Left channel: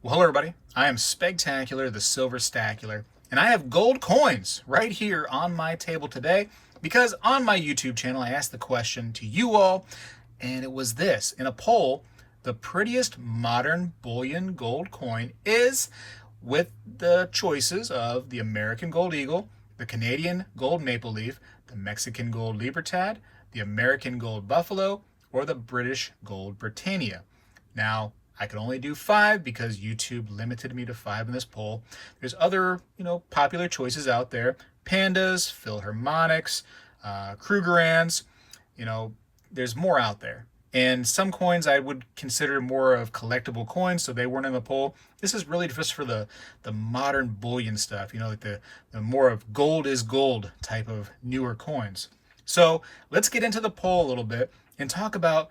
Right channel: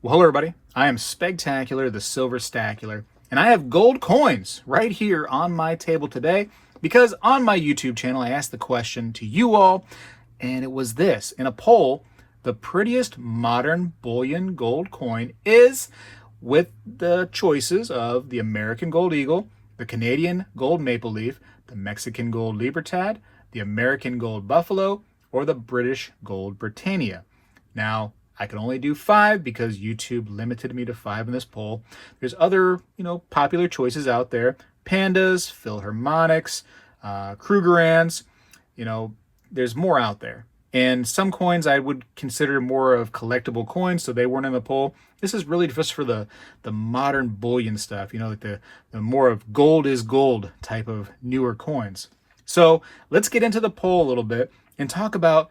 Well, hello everybody. I am Spegtacular, the Silver Stacular, and I have gold coins right here on my table today because on my YouTube channel I asked the question to you all, and it was this. In a poll, the prettiest modern bullion gold coin is, with the choices of the American Gold Eagle, the Canadian Gold Maple Leaf, the Mexican Gold Libertad, the American Gold Buffalo, or the British Gold Britannia. Now, I could only do 5 because YouTube limited me to 5 in this poll. There's other, popular choices out there. Pandas, Philharmonics, Krugerrands, there's more out there. And some coins I would consider more of collectible coins, so they weren't in the poll. This is really just for the modern bullion stuff, like the more of gold is gold type of newer coins. So let's get into the poll a little bit and talk about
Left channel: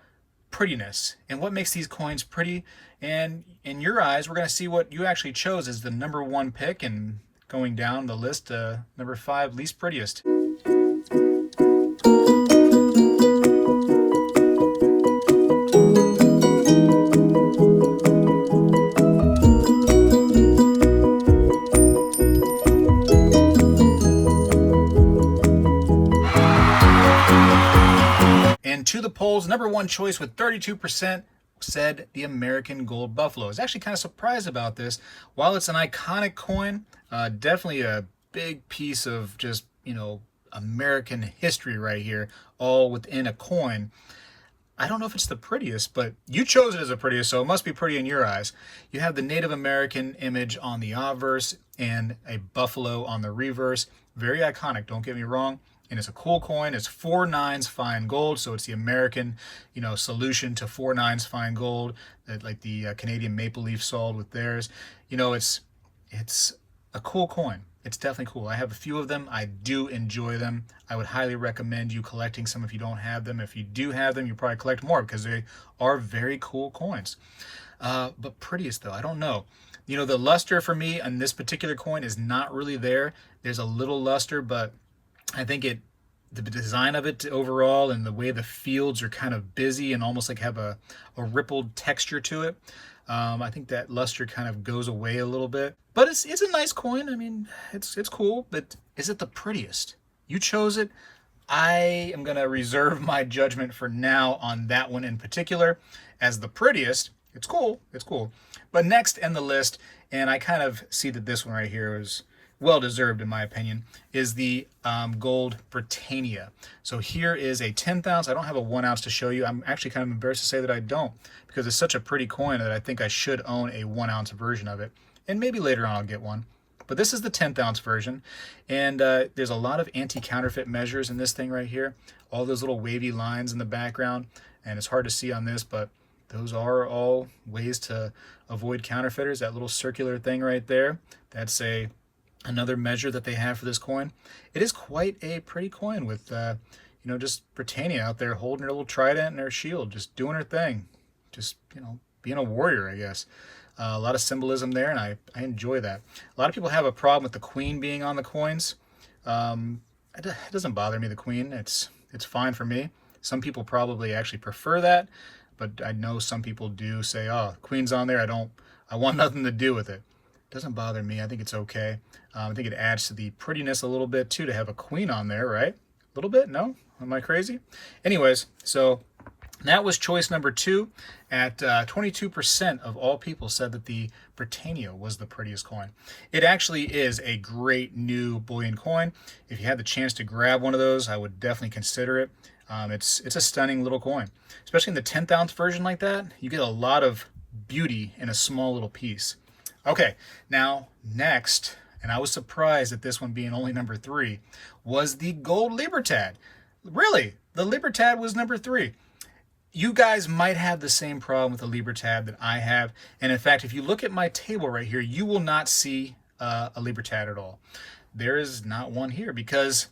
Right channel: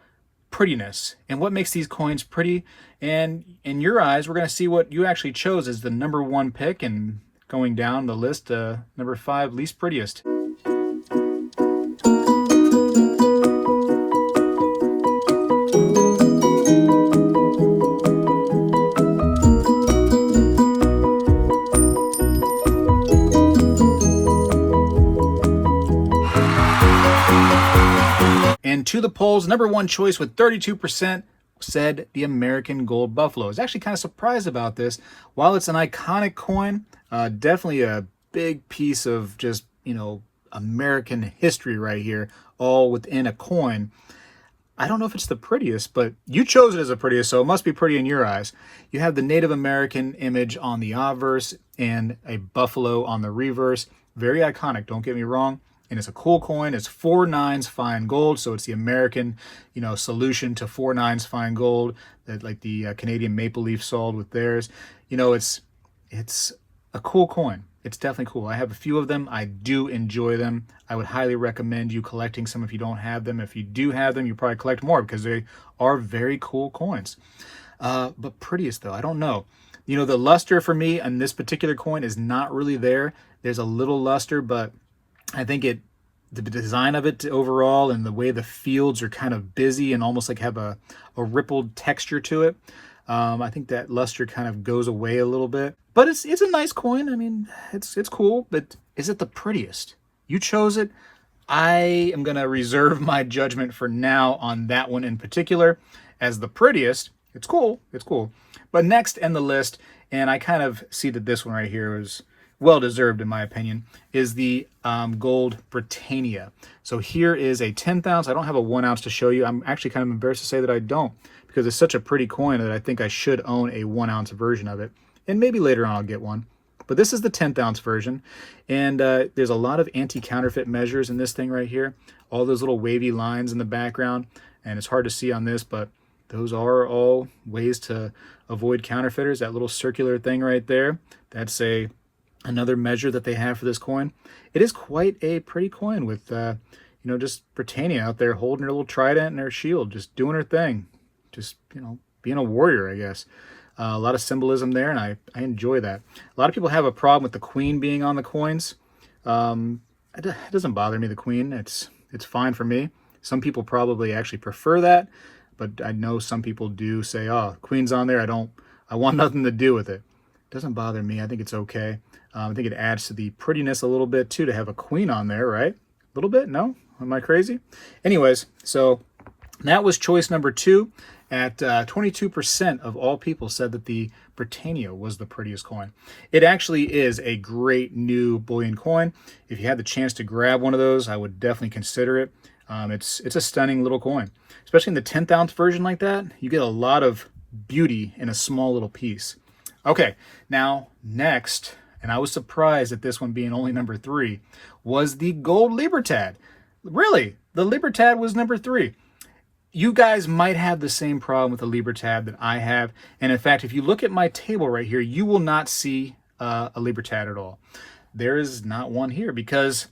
prettiness and what makes these coins pretty. And in your eyes, we're going to see what you actually chose as the number 1 pick, and going down the list, number 5 least prettiest. And to the polls, number 1 choice with 32% said the American Gold Buffalo. I was actually kind of surprised about this. While it's an iconic coin, definitely a big piece of just, American history right here, all within a coin. I don't know if it's the prettiest, but you chose it as the prettiest, so it must be pretty in your eyes. You have the Native American image on the obverse and a buffalo on the reverse. Very iconic, don't get me wrong. And it's a cool coin. It's 4 nines fine gold, so it's the American, solution to 4 nines fine gold that like the Canadian Maple Leaf sold with theirs. It's a cool coin. It's definitely cool. I have a few of them. I do enjoy them. I would highly recommend you collecting some if you don't have them. If you do have them, you probably collect more because they are very cool coins. But prettiest though, I don't know. The luster for me on this particular coin is not really there. There's a little luster, but I think the design of it overall and the way the fields are kind of busy and almost like have a rippled texture to it. I think that luster kind of goes away a little bit, but it's a nice coin. I mean, it's cool, but is it the prettiest? You chose it. I am going to reserve my judgment for now on that one in particular as the prettiest. It's cool. But next in the list, and I kind of see that this one right here is well-deserved in my opinion, is the Gold Britannia. So here is a 10th ounce. I don't have a 1 ounce to show you. I'm actually kind of embarrassed to say that I don't, because it's such a pretty coin that I think I should own a 1 ounce version of it. And maybe later on I'll get one. But this is the 10th ounce version. And there's a lot of anti-counterfeit measures in this thing right here. All those little wavy lines in the background. And it's hard to see on this, but those are all ways to avoid counterfeiters. That little circular thing right there, that's another measure that they have for this coin. It is quite a pretty coin with, just Britannia out there holding her little trident and her shield, just doing her thing. Just, being a warrior, I guess. A lot of symbolism there, and I enjoy that. A lot of people have a problem with the queen being on the coins. It doesn't bother me, the queen. It's fine for me. Some people probably actually prefer that, but I know some people do say, oh, queen's on there, I want nothing to do with it. It doesn't bother me. I think it's okay. I think it adds to the prettiness a little bit too to have a queen on there, right? A little bit? No? Am I crazy? Anyways, so that was choice number 2. At 22% of all people said that the Britannia was the prettiest coin. It actually is a great new bullion coin. If you had the chance to grab one of those, I would definitely consider it. It's a stunning little coin. Especially in the 10th ounce version like that, you get a lot of beauty in a small little piece. Okay, now next, and I was surprised at this one being only number 3, was the Gold Libertad. Really, the Libertad was number 3. You guys might have the same problem with the Libertad that I have. And in fact, if you look at my table right here, you will not see a Libertad at all. There is not one here because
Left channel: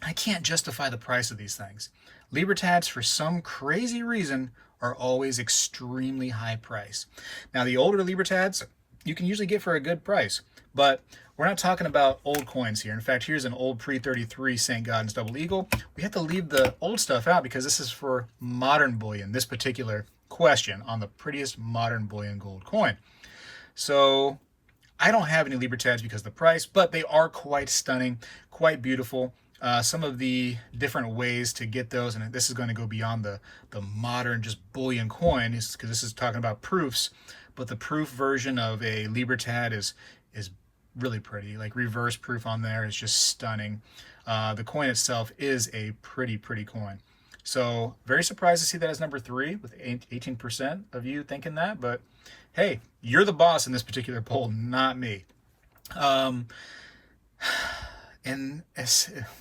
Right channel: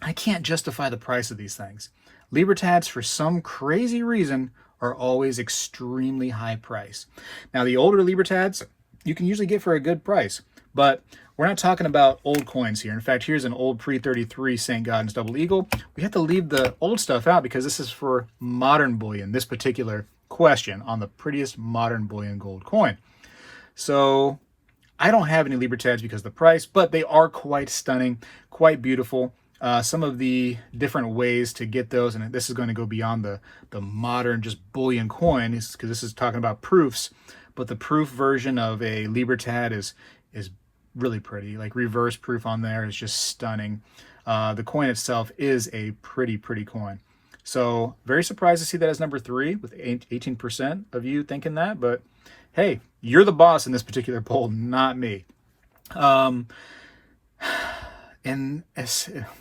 I can't justify the price of these things. Libertads, for some crazy reason, are always extremely high price. Now, the older Libertads, you can usually get for a good price, but we're not talking about old coins here. In fact, here's an old pre-33 St. Gaudens Double Eagle. We have to leave the old stuff out because this is for modern bullion, this particular question on the prettiest modern bullion gold coin. So I don't have any libertads because of the price, but they are quite stunning, quite beautiful. Some of the different ways to get those, and this is going to go beyond the modern just bullion coin, because this is talking about proofs, but the proof version of a libertad is really pretty. Like reverse proof on there is just stunning. The coin itself is a pretty coin. So very surprised to see that as number 3 with 18% of you thinking that, but hey, you're the boss in this particular poll, not me. And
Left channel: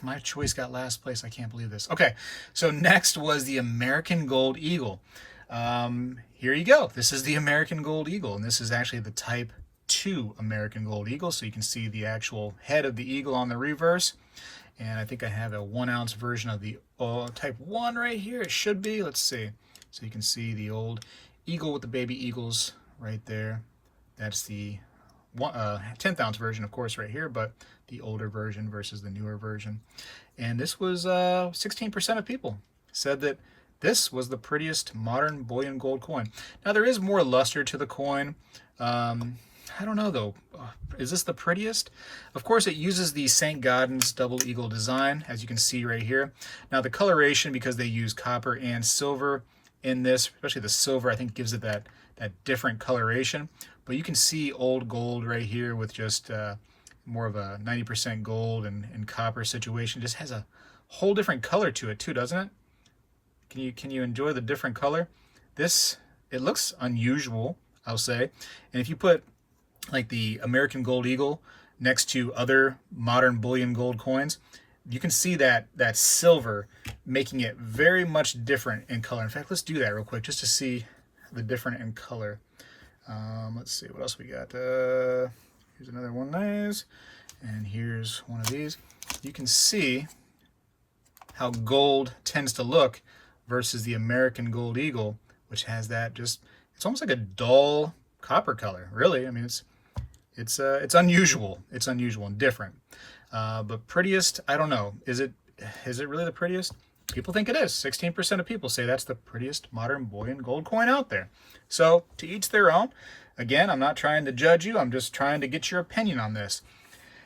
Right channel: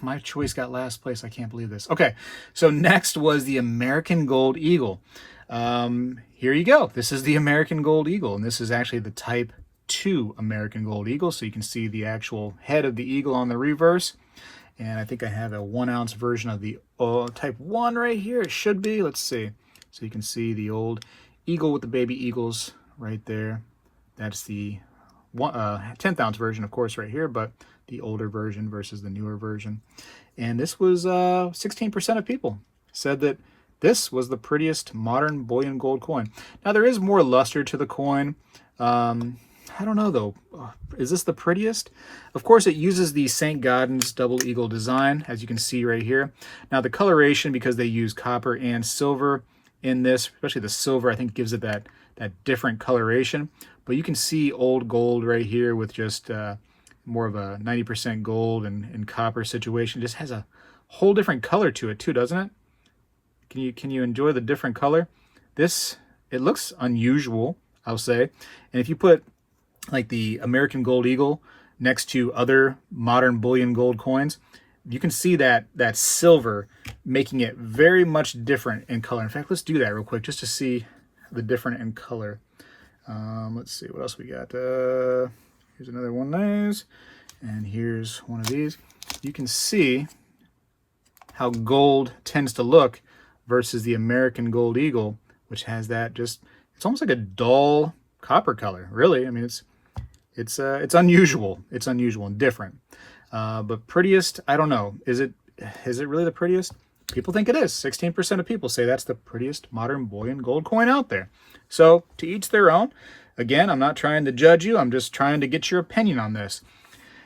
my choice got last place. I can't believe this. Okay, so next was the American Gold Eagle. Here you go. This is the American Gold Eagle, and this is actually the Type 2 American Gold Eagle, so you can see the actual head of the eagle on the reverse. And I think I have a 1 ounce version of the Type 1 right here. It should be. Let's see. So you can see the old eagle with the baby eagles right there. That's the 10th ounce version, of course, right here, but the older version versus the newer version. And this was 16% of people said that this was the prettiest modern bullion gold coin. Now, there is more luster to the coin. I don't know, though. Is this the prettiest? Of course, it uses the St. Gaudens double eagle design, as you can see right here. Now, the coloration, because they use copper and silver in this, especially the silver, I think gives it that different coloration. But you can see old gold right here with just more of a 90% gold and copper situation. Just has a whole different color to it too, doesn't it? Can you enjoy the different color? It looks unusual, I'll say. And if you put like the American Gold Eagle next to other modern bullion gold coins, you can see that silver making it very much different in color. In fact, let's do that real quick just to see the different in color. Let's see what else we got. Here's another one of these, and here's one of these. You can see how gold tends to look versus the American Gold Eagle, which has that it's almost like a dull copper color. Really, I mean it's unusual. It's unusual and different. But prettiest, I don't know. Is it really the prettiest? People think it is. 16% of people say that's the prettiest modern bullion gold coin out there. So to each their own. Again, I'm not trying to judge you. I'm just trying to get your opinion on this.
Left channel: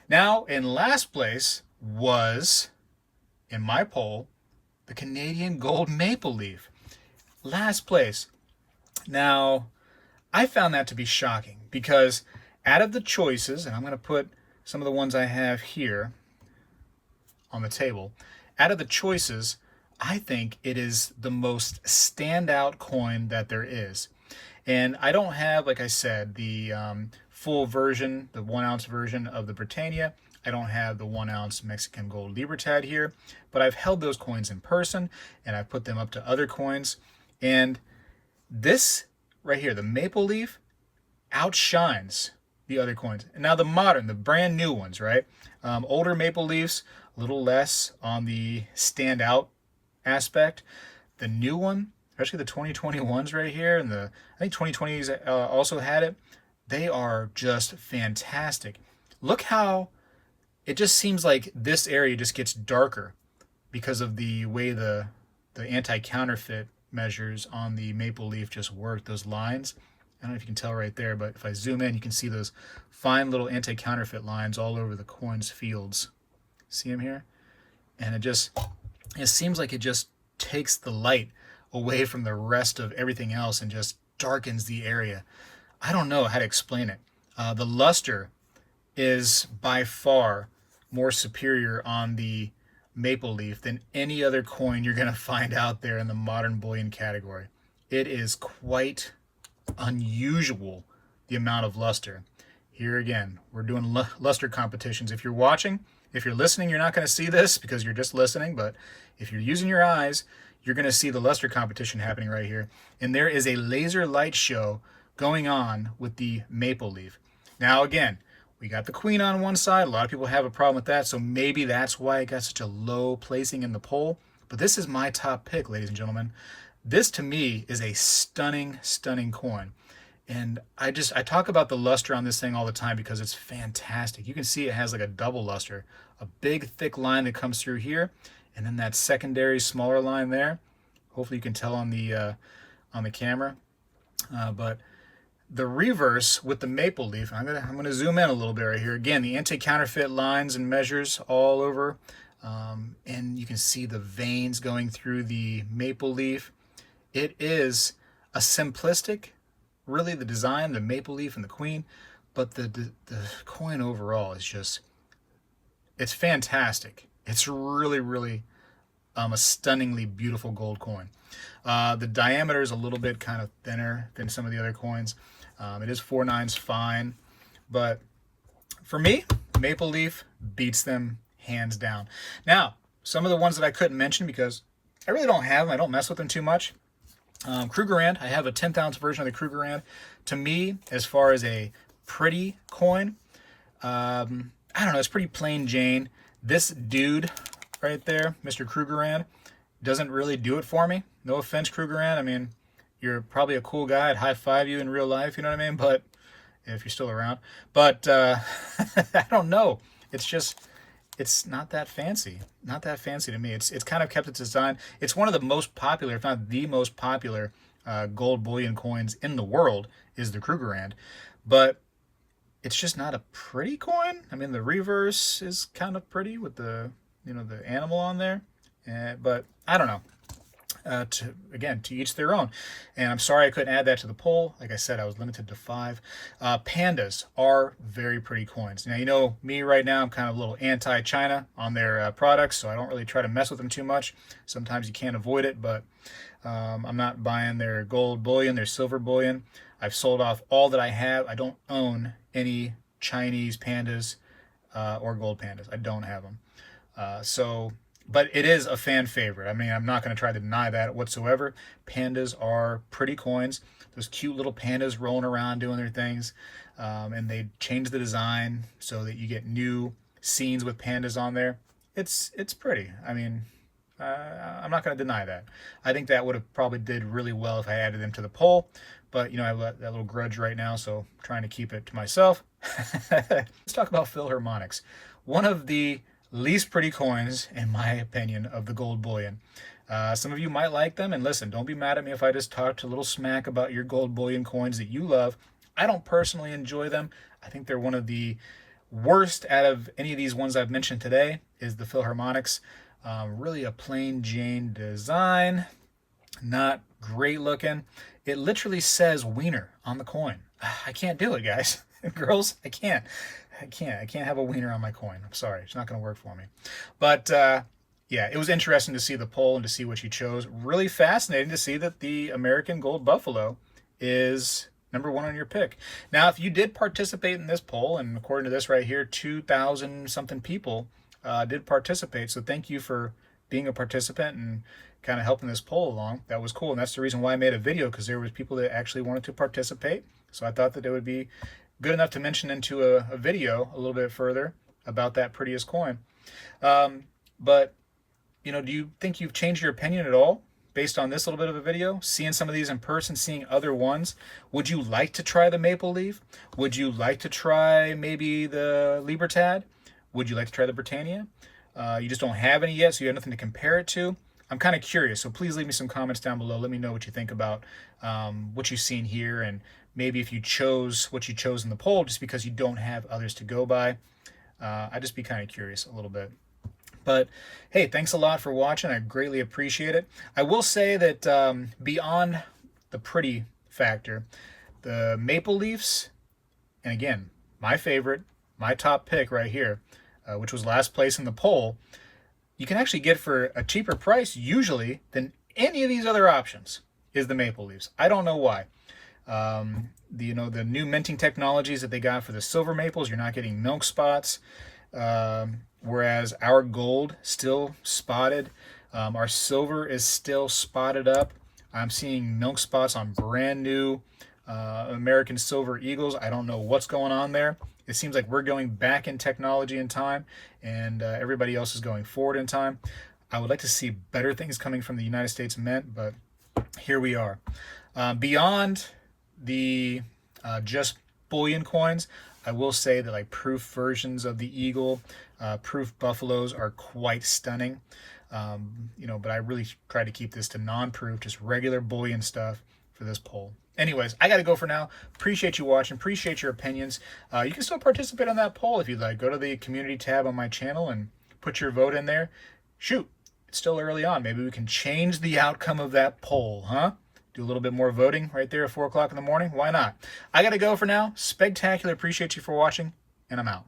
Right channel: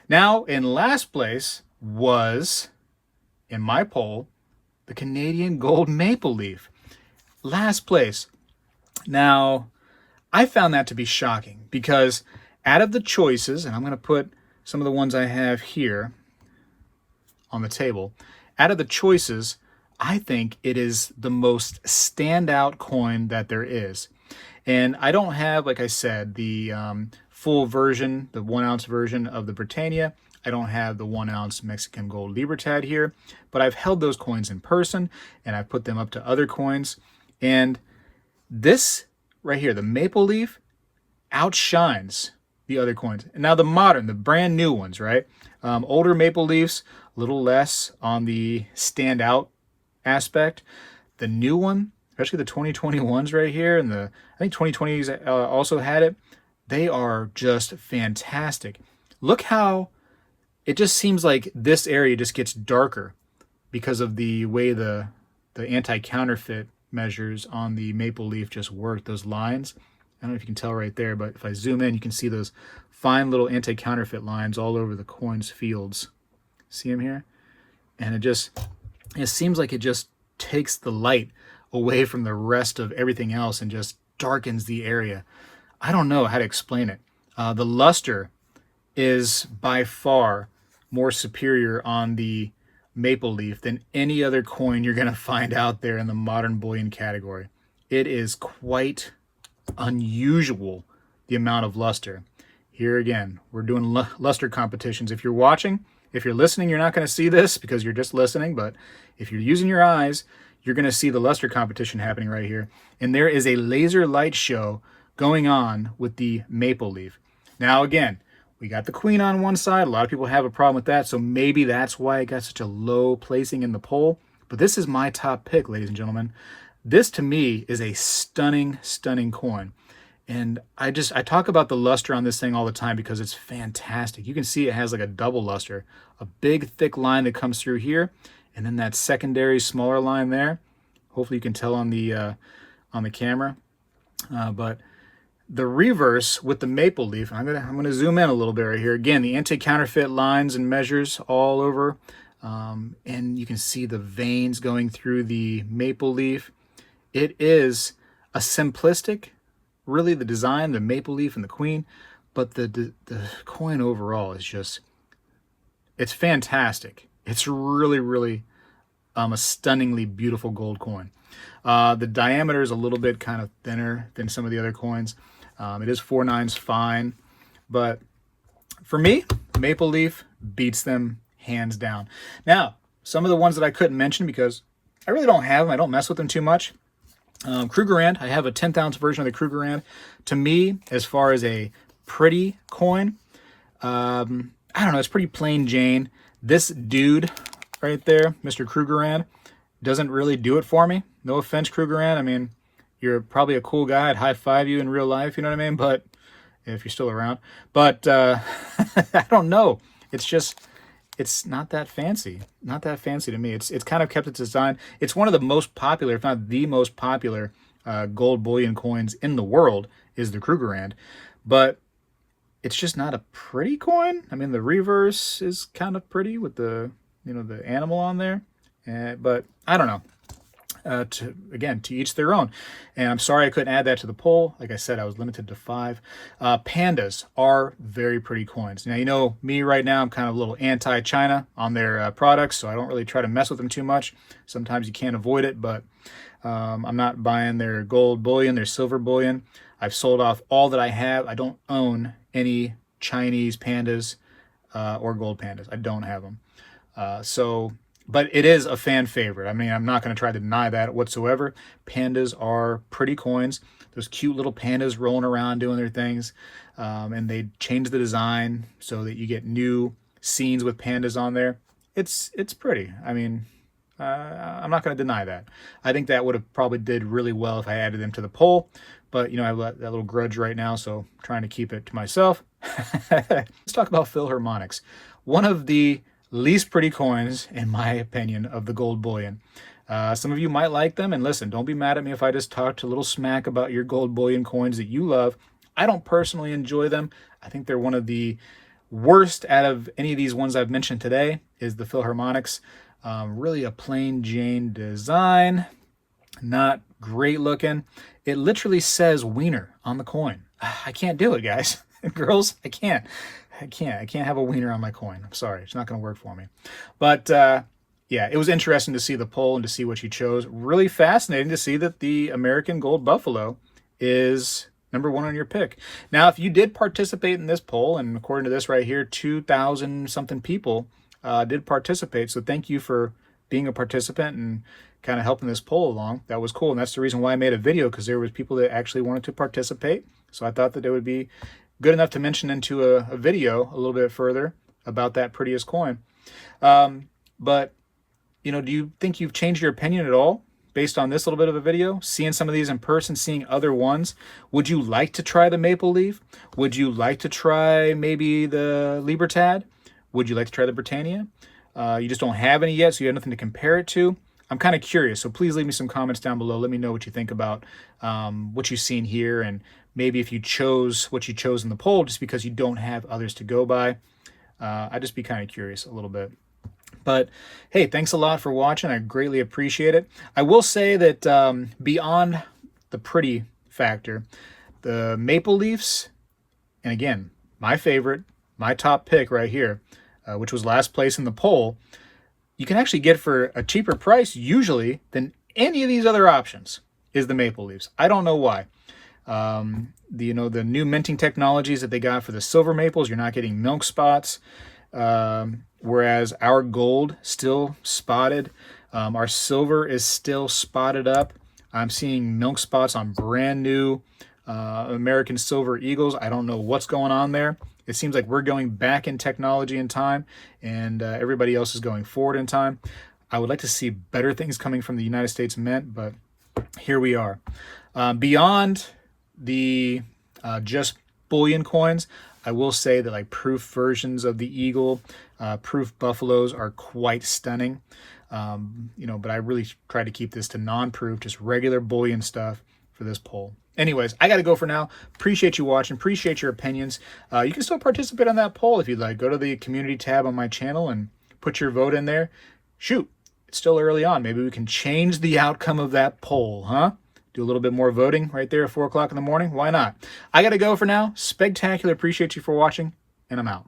Now, in last place was, in my poll, the Canadian Gold Maple Leaf. Last place. Now, I found that to be shocking because out of the choices, and I'm going to put some of the ones I have here on the table, out of the choices, I think it is the most standout coin that there is. And I don't have, like I said, the full version, the 1 ounce version of the Britannia. I don't have the 1 ounce Mexican Gold Libertad here, but I've held those coins in person and I've put them up to other coins. And this right here, the Maple Leaf, outshines the other coins. And now the modern, the brand new ones, right? Older Maple Leafs, a little less on the standout aspect. The new one, especially the 2021s right here, and I think 2020s also had it. They are just fantastic. Look how it just seems like this area just gets darker because of the way the anti-counterfeit measures on the Maple Leaf just work, those lines. I don't know if you can tell right there, but if I zoom in, you can see those fine little anti-counterfeit lines all over the coin's fields. See them here? And it seems like it just takes the light away from the rest of everything else and just darkens the area. I don't know how to explain it. The luster is by far more superior on the Maple Leaf than any other coin you're going to find out there in the modern bullion category. It is quite unusual, the amount of luster. Here again, we're doing luster competitions. If you're watching, if you're listening, you're not going to see this because you're just listening, but if you're using your eyes, you're going to see the luster competition happening right here. And there is a laser light show going on with the Maple Leaf. Now again, we got the queen on one side. A lot of people have a problem with that, so maybe that's why it got such a low placing in the poll. But this is my top pick, ladies and gentlemen. This, to me, is a stunning, stunning coin. And I talk about the luster on this thing all the time because it's fantastic. You can see it has like a double luster, a big, thick line that comes through here, and then that secondary, smaller line there. Hopefully you can tell on the on the camera. But the reverse with the maple leaf, I'm gonna zoom in a little bit right here. Again, the anti-counterfeit lines and measures all over, and you can see the veins going through the maple leaf. It is a simplistic, really, the design, the maple leaf and the queen, but the coin overall is just, it's fantastic. It's really, really a stunningly beautiful gold coin. The diameter is a little bit kind of thinner than some of the other coins. It is 4/9 fine, but for me, maple leaf beats them hands down. Now, some of the ones that I couldn't mention because I really don't have them, I don't mess with them too much. Krugerrand, I have a 10th ounce version of the Krugerrand. To me, as far as a pretty coin, I don't know, it's pretty plain Jane. This dude right there, Mr. Krugerrand, doesn't really do it for me. No offense, Krugerrand. I mean, you're probably a cool guy. I'd high five you in real life, you know what I mean? But if you're still around. But I don't know. It's just, it's not that fancy. Not that fancy to me. It's kind of kept its design. It's one of the most popular, if not the most popular, gold bullion coins in the world is the Krugerrand. But it's just not a pretty coin. I mean, the reverse is kind of pretty with the, you know, the animal on there. But I don't know. To each their own. And I'm sorry I couldn't add that to the poll. Like I said, I was limited to 5. Pandas are very pretty coins. Now, you know me right now, I'm kind of a little anti-China on their products, so I don't really try to mess with them too much. Sometimes you can't avoid it, but I'm not buying their gold bullion, their silver bullion. I've sold off all that I have. I don't own any Chinese pandas or gold pandas. I don't have them. But it is a fan favorite. I mean, I'm not going to try to deny that whatsoever. Pandas are pretty coins. Those cute little pandas rolling around doing their things. And they change the design so that you get new scenes with pandas on there. It's pretty. I mean, I'm not going to deny that. I think that would have probably did really well if I added them to the poll. But, you know, I have that little grudge right now, so I'm trying to keep it to myself. Let's talk about Philharmonics. One of the least pretty coins, in my opinion, of the gold bullion. Some of you might like them, and listen, don't be mad at me if I just talked a little smack about your gold bullion coins that you love. I don't personally enjoy them. I think they're one of the worst out of any of these ones I've mentioned today is the Philharmonics. Really a plain Jane design, not great looking. It literally says wiener on the coin. I can't do it, guys and girls. I can't have a wiener on my coin. I'm sorry. It's not going to work for me. But yeah, it was interesting to see the poll and to see what you chose. Really fascinating to see that the American Gold Buffalo is #1 on your pick. Now, if you did participate in this poll, and according to this right here, 2,000 something people did participate. So thank you for being a participant and kind of helping this poll along. That was cool. And that's the reason why I made a video, because there was people that actually wanted to participate. So I thought that it would be good enough to mention into a video a little bit further about that prettiest coin. But, you know, do you think you've changed your opinion at all based on this little bit of a video? Seeing some of these in person, seeing other ones. Would you like to try the maple leaf? Would you like to try maybe the Libertad? Would you like to try the Britannia? You just don't have any yet, so you have nothing to compare it to. I'm kind of curious, so please leave me some comments down below. Let me know what you think about what you've seen here, and maybe if you chose what you chose in the poll just because you don't have others to go by. I'd just be kind of curious a little bit. But hey, thanks a lot for watching. I greatly appreciate it. I will say that beyond the pretty factor, the maple leafs, and again, my favorite, my top pick right here, which was last place in the poll, you can actually get for a cheaper price usually than any of these other options, is the maple leaves. I don't know why. The new minting technologies that they got for the silver maples, you're not getting milk spots, whereas our gold still spotted. Our silver is still spotted up. I'm seeing milk spots on brand new American Silver Eagles. I don't know what's going on there. It seems like we're going back in technology and time, and everybody else is going forward in time. I would like to see better things coming from the United States Mint, but here we are. Beyond the just bullion coins, I will say that like proof versions of the Eagle, proof buffaloes are quite stunning. But I really try to keep this to non-proof, just regular bullion stuff. for this poll. Anyways, I got to go for now. Appreciate you watching. Appreciate your opinions. You can still participate on that poll if you'd like. Go to the community tab on my channel and put your vote in there. Shoot, it's still early on. Maybe we can change the outcome of that poll, huh? Do a little bit more voting right there at 4 o'clock in the morning. Why not? I got to go for now. Spectacular. Appreciate you for watching, and I'm out.